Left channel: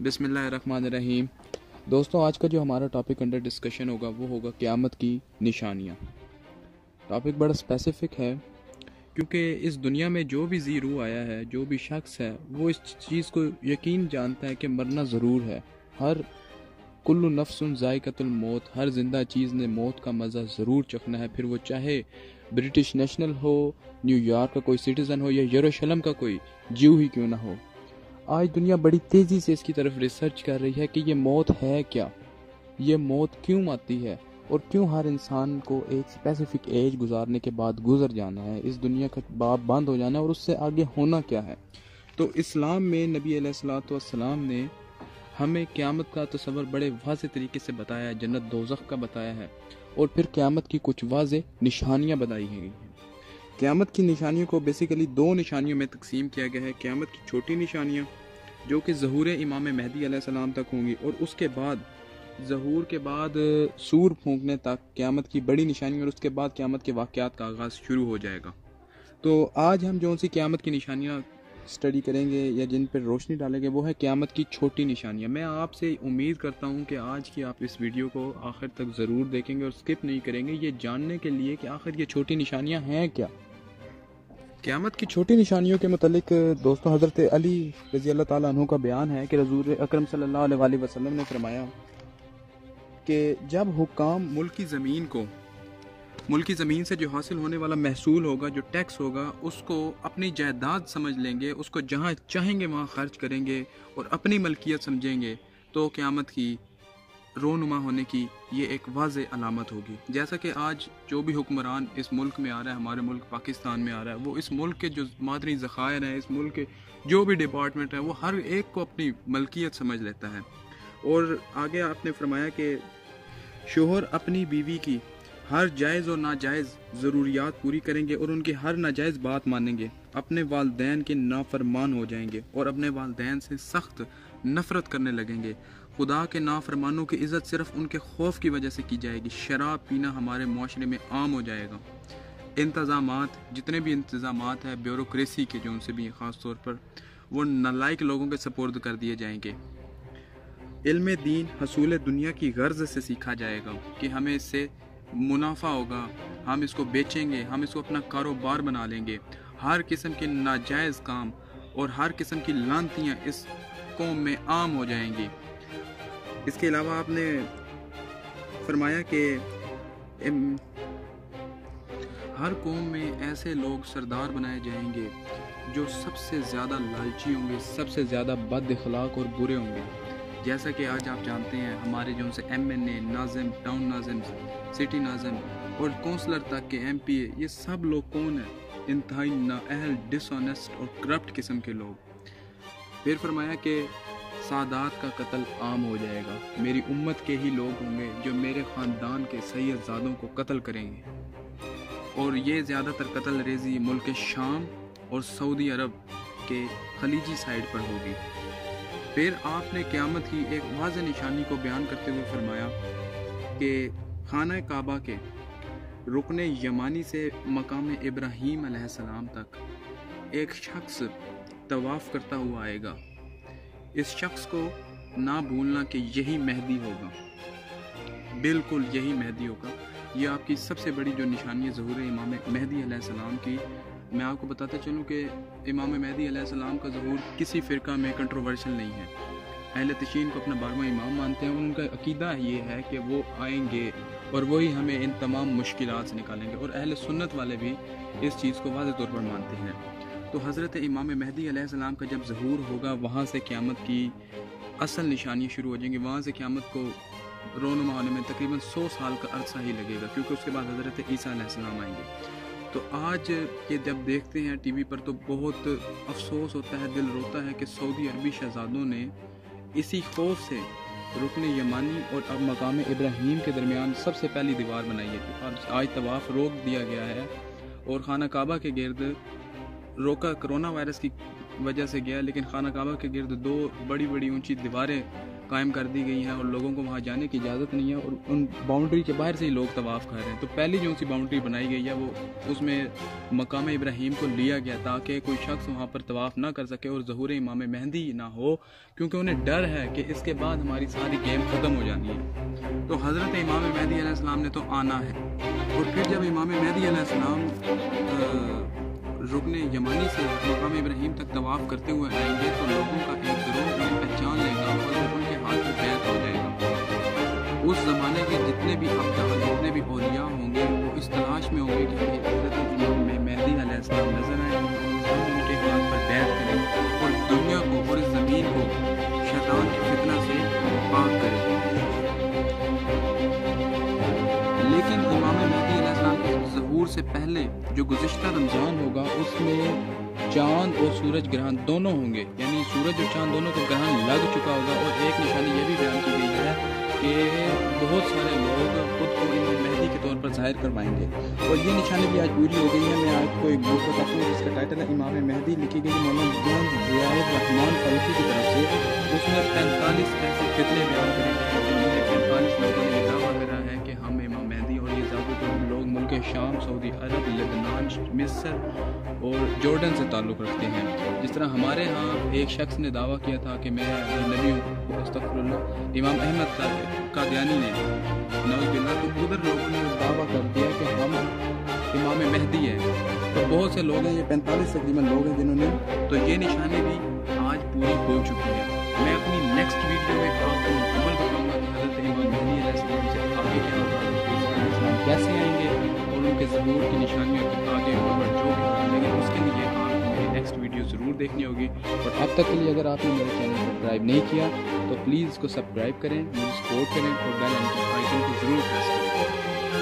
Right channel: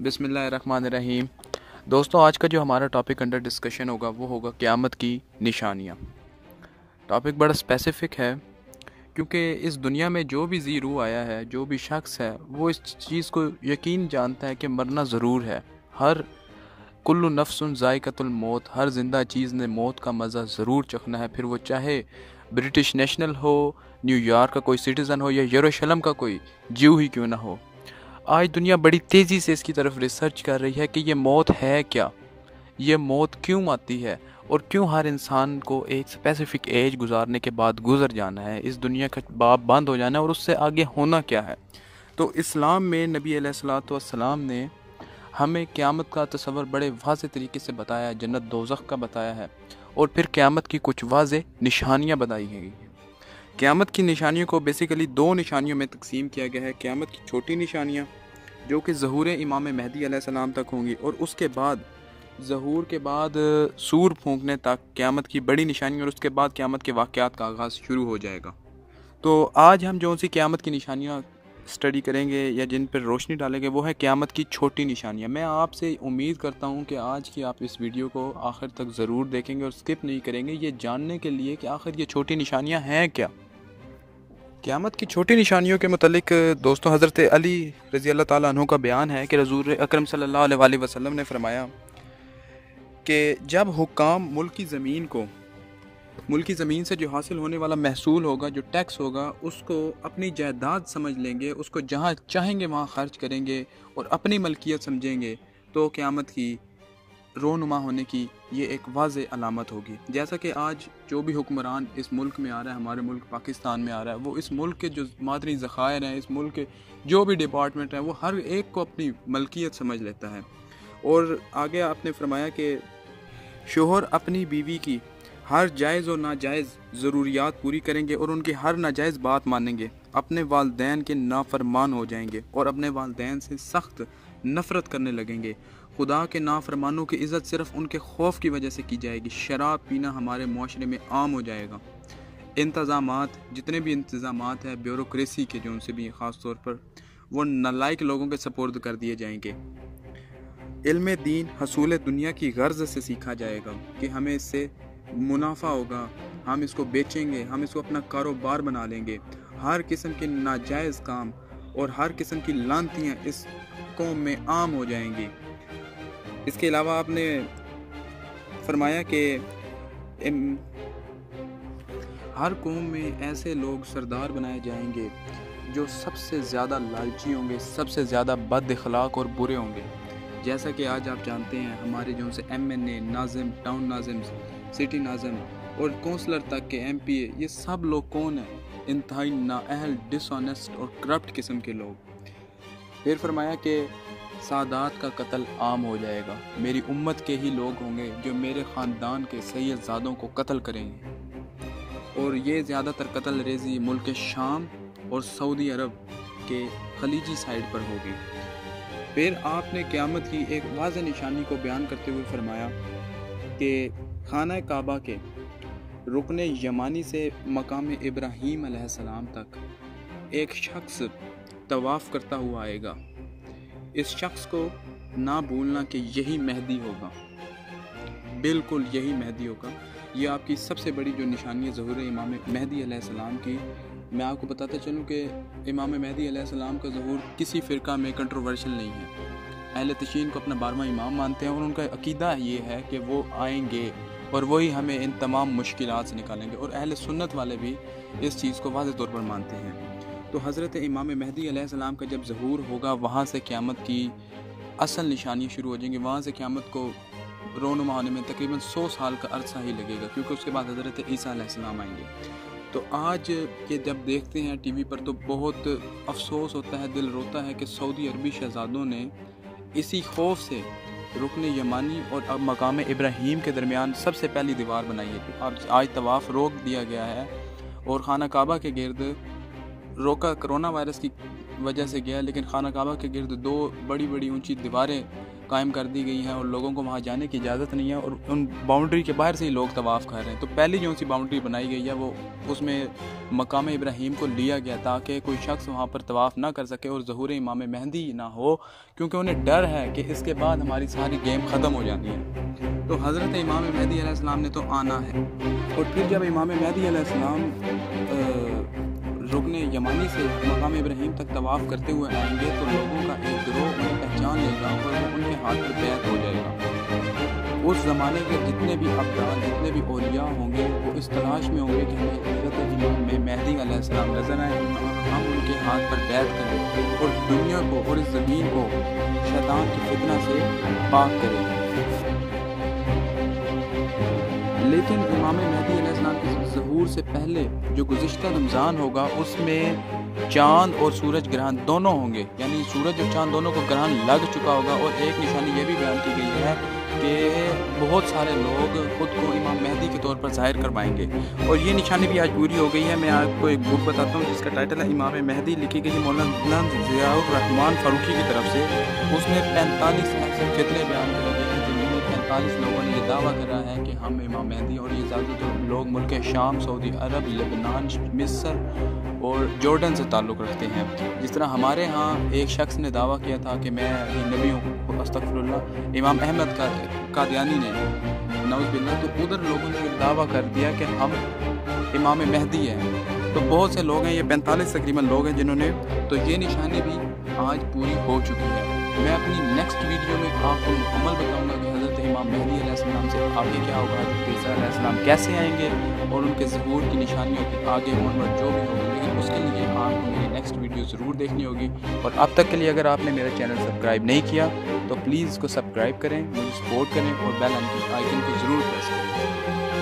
बिस्मिल्लाहिर्रहमानिर्रहीम। दोस्तों, आज का जो हमारा टॉपिक अंडर डिस्कशन होगा वो होगा क़यामत की निशानियाँ। टॉपिक बड़ा स्पेसिफ़िक है क्योंकि इस दुनिया में जो भी जी रूह आया है, जो भी शख्स है, वो इस चीज़ को यकीन जानता है कि मरना ज़रूर है। हर कुल्लु नफ्सुन ज़ाइक़तुल मौत, हर ज़िंदा चीज़ ने मौत का मज़ा ज़रूर चखना है, फिर वो चाहे ब्रिटिश नेशनल हो, न्यूयॉर्क का कोई सिटीज़न हो या यरूशलेम का कोई ज्यू ही क्यों ना हो। आज दुनिया बड़ी तेज़ी से इसकी तरफ रिसर्च कर रही है कि ये मौत है क्या, ये मौत क्यों आती है और क्यों हर इंसान को एक स्पेसिफिक एज गुजारने के बाद गुजर जाना है, इस दुनिया का बाब बंद हो जाना है और उससे आगे होना क्या है। तो इस्लाम में नबी अलैहिस्सलातु वस्सलाम ने हमें क़यामत का तस्वर बड़े वाज़े तरीके से बताया है, जन्नत दोज़ख का बताया है और फिर क़यामत की कुछ वाज़े निशानियाँ बताई हैं। क़यामत की निशानियों को बेसिकली दो निशानियों में तकसीम किया गया है। क़यामत की छोटी निशानियाँ जो कि ज़हूर इमाम महदी अलैहिस्सलाम तक होंगी और उसके बाद ज़हूर के बाद सूर फूंकने तक क़यामत की बड़ी निशानी और उसके बाद क़यामत के वाक़यात का आगाज़ शुरू हो जाएगा। तो आज हम जो सी क़यामत की निशानियाँ स्टडी करेंगे या जिन पर रोशनी डालेंगे वो है क़यामत की छोटी निशानियाँ। मैं आपसे उम्मीद करता हूँ कि आज की आप इस वीडियो को आखिर तक ज़रूर देखेंगे और स्किप नहीं करेंगे, ये जानने के लिए कि आखिर ये छोटी निशानियाँ हैं क्या। क़यामत की छोटी निशानियों के मुतालिक दोस्तों, हज़रत अली रज़ी अल्लाह ताला अन्हु का बयान है कि रसूल अकरम सल्लल्लाहु अलैहि वसल्लम ने फरमाया कि जब हुक्काम मुल्क की ज़मीन से जो हासिल होने वाला महसूल होगा, जो टैक्स होगा, उसको अपनी जायदाद समझ लेंगे, उसको जहाँ चाहेंगे वहाँ खर्च करेंगे और अपनी मलकियत समझेंगे, तो क़यामत की रोनुमा होने की ये एक वाज़े अलामत होगी। जैसा कि आज जो भी हुक्मरान इस मुल्क में आ रहा है, हमारे मुल्क पाकिस्तान में आ रहा है, वो इस मुल्क के जो मादनी ज़खायर हैं, इस मुल्क के जो भी डिपार्टमेंट हैं, वो हर एक को अपनी मलकियत समझ लेता है। और आगे आपने फरमाया कि शोहर अपनी बीवी की हर जायज़ और नाजायज़ ज़रूरियात पूरी करेंगे और उनकी हर नाजायज़ बात मानेंगे, अपने वालदैन के नाफरमान हो जाएंगे और अपने वालदैन से सख्त नफ़रत करने लगेंगे। खुदा के नाफरमानों की इज़्ज़त सिर्फ उनके खौफ की वजह से की जाएगी। शराब पीना हमारे माशरे में आम हो जाएगा। इंतज़ामात, जितने भी इंतज़ामात हैं ब्यूरोक्रेसी के, जो उनसे भी ख़ास तौर पर, वो नालायक लोगों के सपोर्द कर दिए जाएंगे। इल्म दीन हसूल दुनिया की गर्ज से सीखा जाएगा कि हमें इससे मुनाफा होगा, हम इसको बेचेंगे, हम इसको अपना कारोबार बना लेंगे। हर किस्म के नाजायज़ काम और हर किस्म की लानतियाँ इस कौम में आम हो जाएंगी। इसके अलावा आपने फरमाया कि हर कौम में ऐसे लोग सरदार बनाए जाएंगे जो सबसे ज़्यादा लालची होंगे, सबसे ज़्यादा बद इखलाक और बुरे होंगे। जैसा कि आज आप जानते हैं, हमारे जो से MNA, Nazim, town Nazim, city Nazim और कौंसलर तक के MPA, ये सब लोग कौन हैं? इंतहाई नाअहल, डिसऑनेस्ट और करप्ट किस्म के लोग। फिर फरमाया कि सादात का कत्ल आम हो जाएगा। मेरी उम्मत के ही लोग होंगे जो मेरे ख़ानदान के सैयदज़ादों को कत्ल करेंगे और ये ज़्यादातर कत्ल रेज़ी मुल्क शाम और सऊदी अरब के खलीजी साइड पर होगी। फिर आपने क़यामत की एक वाज़ेह निशानी को बयान करते हुए फरमाया कि खाना काबा के रुकने यमानी से मकाम इब्राहीम अलैहिस्सलाम तक एक शख्स तवाफ़ करता हुआ आएगा। इस शख्स को ना भूलना कि यही मेहदी होगा, बिल्कुल यही मेहदी होगा। ये आपकी सबसे बड़ी जो निशानी है ज़हूर इमाम महदी अलैहिस्सलाम की। मैं आपको बताता चलूँ कि इमाम महदी अलैहिस्सलाम का ज़हूर किसी फ़िरका में कंट्रोवर्शियल नहीं है। अहले तशीन को अपना 12वां इमाम मानते हैं और उनका अकीदा ये है कि वो आएंगे और वही हमें इन तमाम मुश्किलात से निकालेंगे, और अहले सुन्नत वाले भी इस चीज़ को वाज़ेह तौर पर मानते हैं। तो हज़रत इमाम महदी अलैहिस्सलाम का जब ज़हूर होगा, वहाँ से क़यामत की असल निशानी शुरू हो जाएंगी। वहाँ से क़यामत को रोनुमा होने में तकरीबन 100 साल का अरसा ही लगेगा, क्योंकि उसके बाद हज़रत ईसा अलैहिस्सलाम आएंगे। तो आज के जब देखते हैं टीवी पर तो बहुत अफसोस होता है, दिल रोता है कि सऊदी अरबी शहजादों ने इसी खौफ से रुकने यमानी और अब मकाम इब्राहीम के दरमियान सबसे पहली दीवार बनाई है। अब आज तवाफ़ रोक दिया गया है और खाना काबा के गिर्द रोका कोरोना वायरस की वजह से गया, लेकिन खाना काबा के गिर्द 2 बड़ी बड़ी ऊंची दीवारें कायम कर दी गई है और लोगों को वहाँ जाने की इजाज़त नहीं है और उन बाउंड्री के बाहर से ही लोग तवाफ़ कर रहे हैं। तो पहली जो सी बाउंड्री बनाई गई है वो उसमें मकाम इब्राहीम को लिया गया ताकि कोई शख्स वहाँ पर तवाफ़ ना कर सके और ज़हूर इमाम मेहदी ना हो, क्योंकि उन्हें डर है कि इसके बाद हमारी सारी गेम ख़त्म हो जानी है। तो हज़रत इमाम मेहदी अलैहिस्सलाम ने तो आना है और फिर जब इमाम मेहदी अलैहिस्सलाम रुकने यमानी से मकाम इब्राहीम तक तवाफ़ करते हुए आएंगे तो लोगों का एक गिरोह उन्हें पहचान लेगा और वो उनके हाथ पर बैत हो जाएगा। उस ज़माने के जितने भी अब्दाल, जितने भी औलिया होंगे वो इस तलाश में होंगे कि हमें हज़रत इमाम मेहदी अलैहिस्सलाम नज़र आए और हम उनके हाथ पर बैत करें और दुनिया को और इस ज़मीन को शैतान की फितना से पाक करें। लेकिन इमाम मेहदी अलैहिस्सलाम के ज़हूर से पहले जो गुज़िश्ता रमज़ान होगा उसमें चाँद और सूरज ग्रहण दोनों होंगे, यानी सूरज और चाँद दोनों को ग्रहण लग चुका होगा। और एक निशानी ये भी बयान की गई है कि बहुत सारे लोग खुद को इमाम मेहदी के तौर पर ज़ाहिर करवाएंगे और ये निशानी भी आज पूरी हो गई है। मैं आपको एक बुक बताता हूँ जिसका टाइटल है इमाम मेहदी, लिखी गई मौलाना ज़ियाउर रहमान फारूकी की तरफ से। उसने 45 ऐसे फितने बयान करे हैं जिनमें 45 लोगों ने ये दावा करा है कि हम इमाम मेहदी, और ये ज़्यादातर लोग मुल्क शाम, सऊदी अरब, लेबनान, मिस्र और जॉर्डन से ताल्लुक़ रखते हैं। जिस तरह हमारे यहाँ एक शख्स ने दावा किया था कि मैं नबी हूँ, अस्तग़फिरुल्लाह, इमाम अहमद कादियानी ने नौज़बिल्लाह, तो उधर लोगों ने दावा कर दिया कि हम इमाम मेहदी हैं। तो बहुत से लोग हैं, ये 45 तकरीबन लोग हैं जिन्होंने, तो ये निशानी भी आज पूरी हो चुकी है। मैं अपनी नेक्स्ट वीडियो में आपको मुकम्मल बताऊंगा कि हज़रत इमाम मेहदी अलैहिस्सलाम से आगे क्या होगा, ईसा अलैहिस्सलाम कैसे आएंगे और उनके ज़हूर की निशानियों के आगे और जो भी होगा। लेकिन उसके लिए आपको मेरी नेक्स्ट वीडियो ज़रूर देखनी होगी। और अब तक के लिए अगर आपने मेरा चैनल सब्सक्राइब नहीं किया तो प्लीज़ इसको सब्सक्राइब करें, मुझे सपोर्ट करें और बेल आइकन को ज़रूर प्रेस करें।